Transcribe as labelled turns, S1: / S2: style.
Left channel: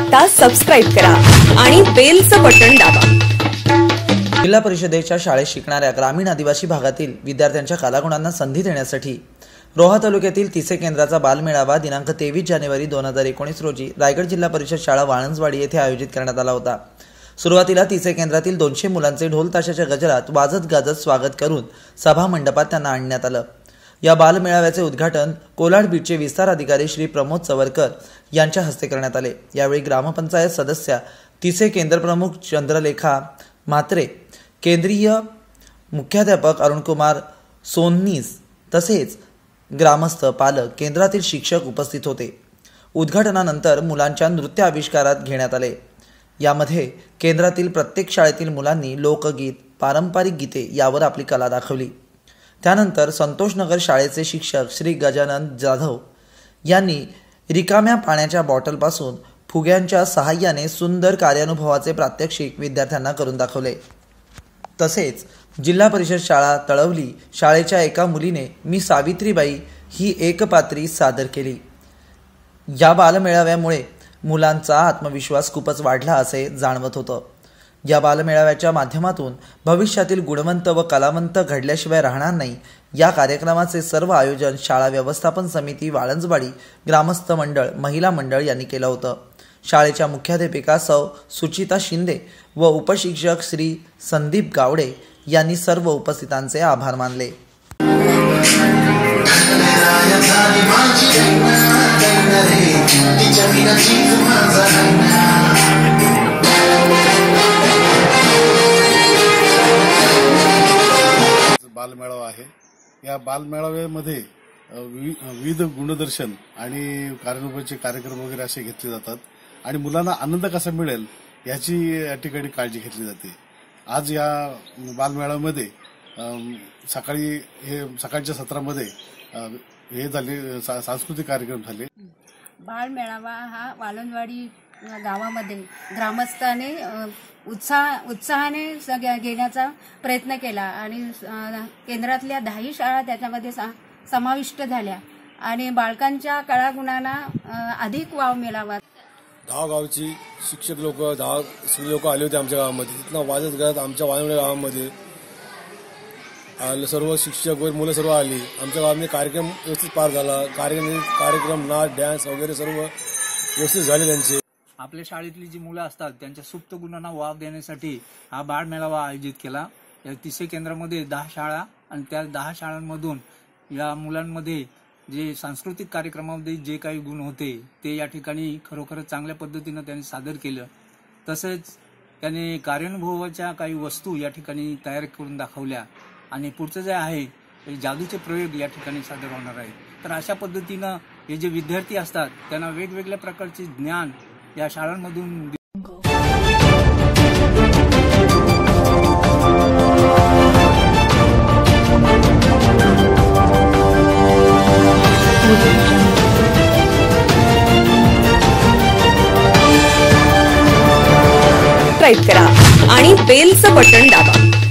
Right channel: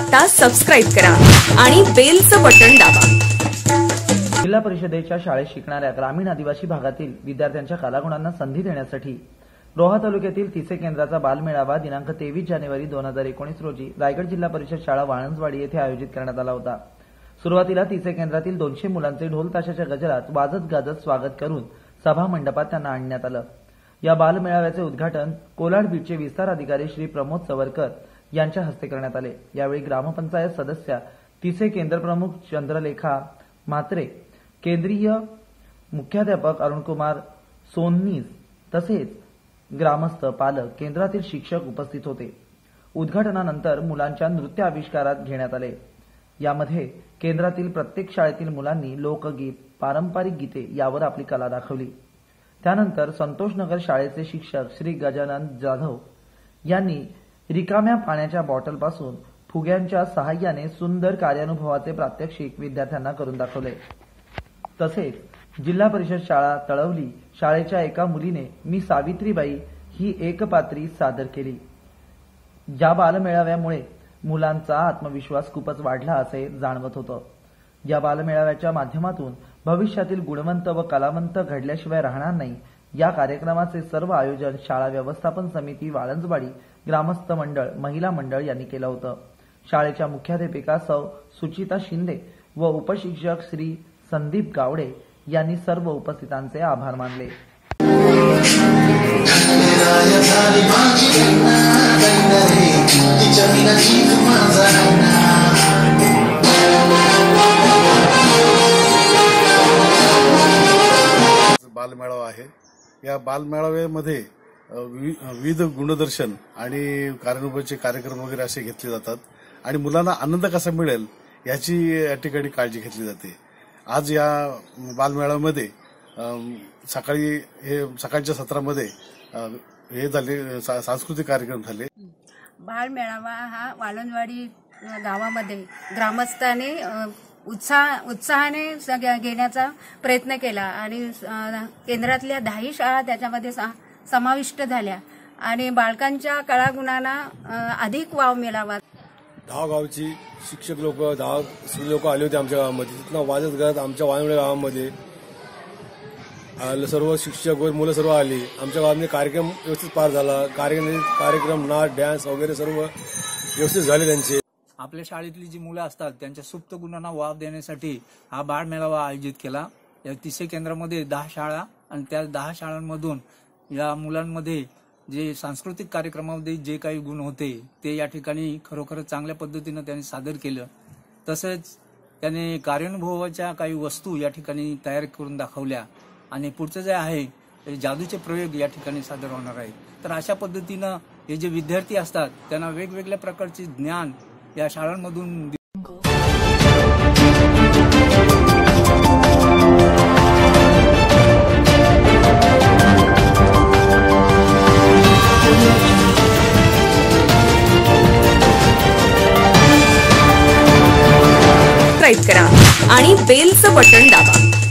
S1: आता सबस्क्राईब करा आणि बेलचं बटन दाबा.
S2: जिल्हा परिषदेच्या शाळेत शिकणाऱ्या ग्रामीण आदिवासी भागातील विद्यार्थ्यांच्या कलागुणांना संधी देण्यासाठी रोहा तालुक्यातील तिसे केंद्राचा बालमेळावा दिनांक तेवीस जानेवारी दोन हजार एकोणीस रोजी रायगड जिल्हा परिषद शाळा वाळंजवाडी येथे आयोजित करण्यात आला होता. सुरुवातीला तिसे केंद्रातील दोनशे मुलांचे ढोल ताशाच्या गजरात वाजत गाजत स्वागत करून सभा मंडपात त्यांना आणण्यात आलं. या बालमेळाव्याचे उद्घाटन कोलाड बीटचे विस्तार अधिकारी श्री प्रमोद चवरकर यांच्या हस्ते करण्यात आले. यावेळी ग्रामपंचायत सदस्या तिसे केंद्रप्रमुख चंद्रलेखा म्हात्रे केंद्रीय मुख्याध्यापक अरुणकुमार सोन्नीस तसेच ग्रामस्थ पालक केंद्रातील शिक्षक उपस्थित होते. उद्घाटनानंतर मुलांच्या नृत्य आविष्कारात घेण्यात आले. यामध्ये केंद्रातील प्रत्येक शाळेतील मुलांनी लोकगीत पारंपरिक गीते यावर आपली कला दाखवली. त्यानंतर संतोषनगर शाळेचे शिक्षक श्री गजानन जाधव यांनी रिकाम्या पाण्याच्या बॉटलपासून फुग्यांच्या सहाय्याने सुंदर कार्यानुभवाचे प्रात्यक्षिक विद्यार्थ्यांना करून दाखवले. तसेच जिल्हा परिषद शाळा तळवली. शाळेच्या एका मुलीने मी सावित्रीबाई ही एकपात्री सादर केली. या बालमेळाव्यामुळे मुलांचा आत्मविश्वास खूपच वाढला असे जाणवत होतं. या बालमेळाव्याच्या माध्यमातून भविष्यातील गुणवंत व कलावंत घडल्याशिवाय राहणार नाही. या कार्यक्रमाचे सर्व आयोजन शाळा व्यवस्थापन समिती वाळंजवाडी ग्रामस्थ मंडळ महिला मंडळ यांनी केलं होतं. शाळेच्या मुख्याध्यापिका सौ सुचिता शिंदे व उपशिक्षक श्री संदीप गावडे यांनी सर्व उपस्थितांचे आभार मानले.
S3: या बालमेळाव्यामध्ये वि- विविध गुणदर्शन आणि कार्यानुभवाचे कार्यक्रम वगैरे असे घेतले जातात. आणि मुलांना आनंद कसा मिळेल याची या ठिकाणी काळजी घेतली जाते. आज या बालमेळाव्यामध्ये सकाळी हे सकाळच्या सत्रामध्ये हे झाले सा- सांस्कृतिक कार्यक्रम झाले.
S4: बालमेळावा हा वालनवाडी गावामध्ये ग्रामस्थाने उत्साह उत्साहाने घेण्याचा प्रयत्न केला. आणि केंद्रातल्या दहाही शाळा त्याच्यामध्ये सा- समाविष्ट झाल्या. आणि बालकांच्या कळागुणांना अधिक वाव मिळावा.
S5: दहा गावची शिक्षक लोक दहा लोक आले होते आमच्या गावामध्ये. तिथनं वाजत गात आमच्या वानवडे गावामध्ये. सर्व शिक्षक वगैरे मुलं सर्व आली. आमच्या गावामध्ये कार्यक्रम व्यवस्थित पार झाला. कार्यक्रम कार्यक्रम नाच डॅन्स वगैरे सर्व व्यवस्थित झाले त्यांचे.
S6: आपल्या शाळेतली जी मुलं असतात त्यांच्या सुप्त गुणांना वाव देण्यासाठी हा बाळ मेळावा आयोजित केला. या तिसऱ्या केंद्रामध्ये दहा शाळा आणि त्या दहा शाळांमधून या मुलांमध्ये जे सांस्कृतिक कार्यक्रमामध्ये जे काही गुण होते ते या ठिकाणी खरोखर चांगल्या पद्धतीनं त्यांनी सादर केलं. तसंच त्याने कार्यानुभवाच्या काही वस्तू या ठिकाणी तयार करून दाखवल्या. आणि पुढचं जे आहे ते जादूचे प्रयोग या ठिकाणी सादर होणार आहेत. तर अशा पद्धतीनं हे जे विद्यार्थी असतात त्यांना वेगवेगळ्या प्रकारचे ज्ञान या शाळांमधून
S1: सबस्क्राईब करा. आणि बेलचं बटन दाबा.